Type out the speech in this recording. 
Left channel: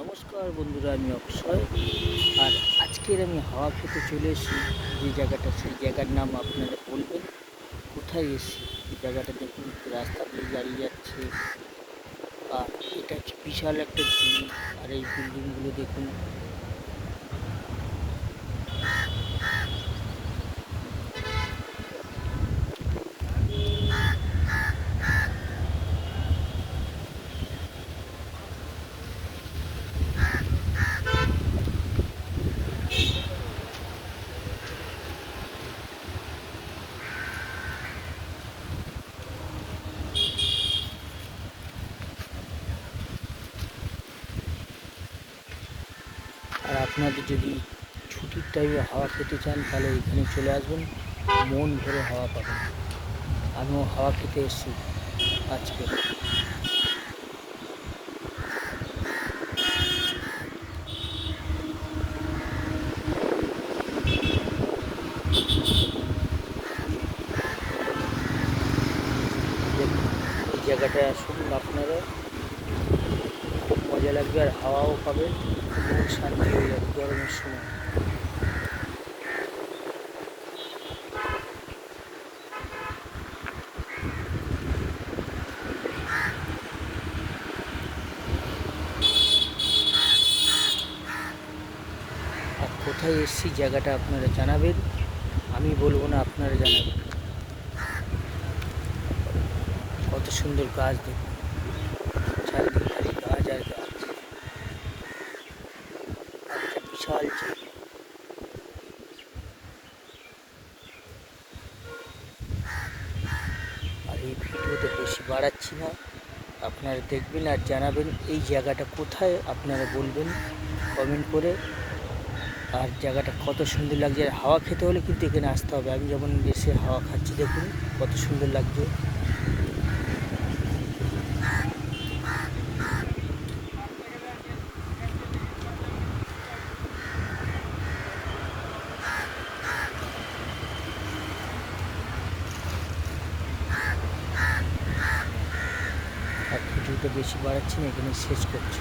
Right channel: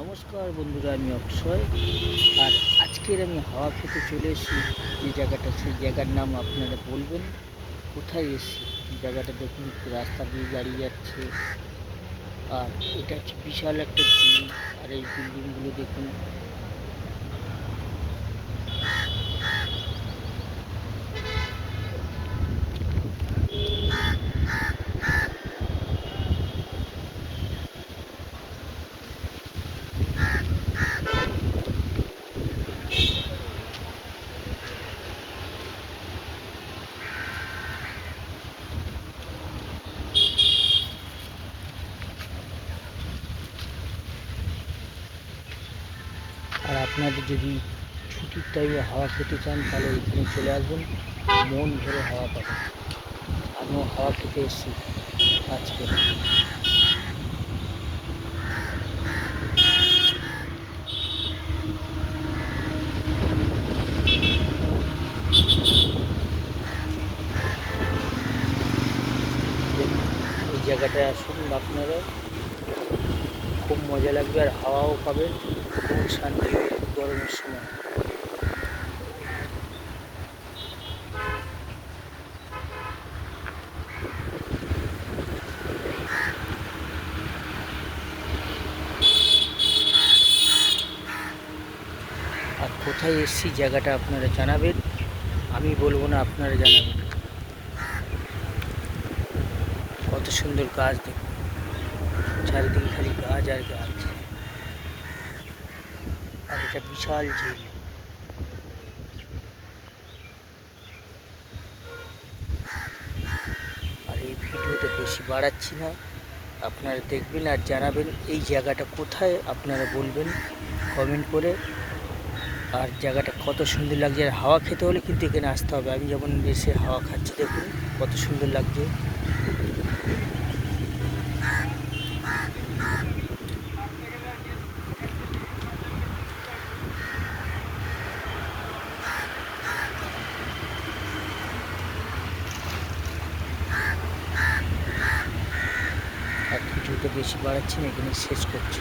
নমস্কার বন্ধুরা, আমি অক্ষয়। আর আজকের আমি হাওয়া খেতে চলে এসেছি যে জায়গাটা, সেই জায়গার নাম আপনারা বলবেন কোথায় এসেছি। জায়গাটা দেখুন, রাস্তা দিয়ে গাড়ি যাচ্ছে, আর এটা হচ্ছে বিশাল একটা ঝিল। আর এই বিল্ডিংগুলো দেখুন। আর আপনাদের যদি ছুটির টাইমে হাওয়া খেতে চান তাহলে এখানে চলে আসবেন, মন ভরে হাওয়া পাবেন। আমিও হাওয়া খেতে এসেছি আজকে। দেখুন, এই জায়গাটায় আসুন আপনারা, খুব মজা লাগবে আর হাওয়াও পাবেন, মন শান্তি হয়ে যাবে গরমের সময়। আর কোথায় এসেছি জায়গাটা আপনারা জানাবেন, আমি বলবো না, আপনারা জানাবেন। কত সুন্দর গাছ দেখুন, চারিদিকে খালি গাছ আর গাছ। আর এটা বিশাল ঝিল। আর এই ভিডিওটা বেশি বাড়াচ্ছি না, আপনারা দেখবেন আর জানাবেন এই জায়গাটা কোথায়, আপনারা বলবেন কমেন্ট করে। আর জায়গাটা কত সুন্দর লাগছে। আর হাওয়া খেতে হলে কিন্তু এখানে আসতে হবে। আমি যেমন এসে হাওয়া খাচ্ছি, দেখুন কত সুন্দর লাগছে। আর ভিডিওটা বেশি বাড়াচ্ছি না, এখানে শেষ করছি।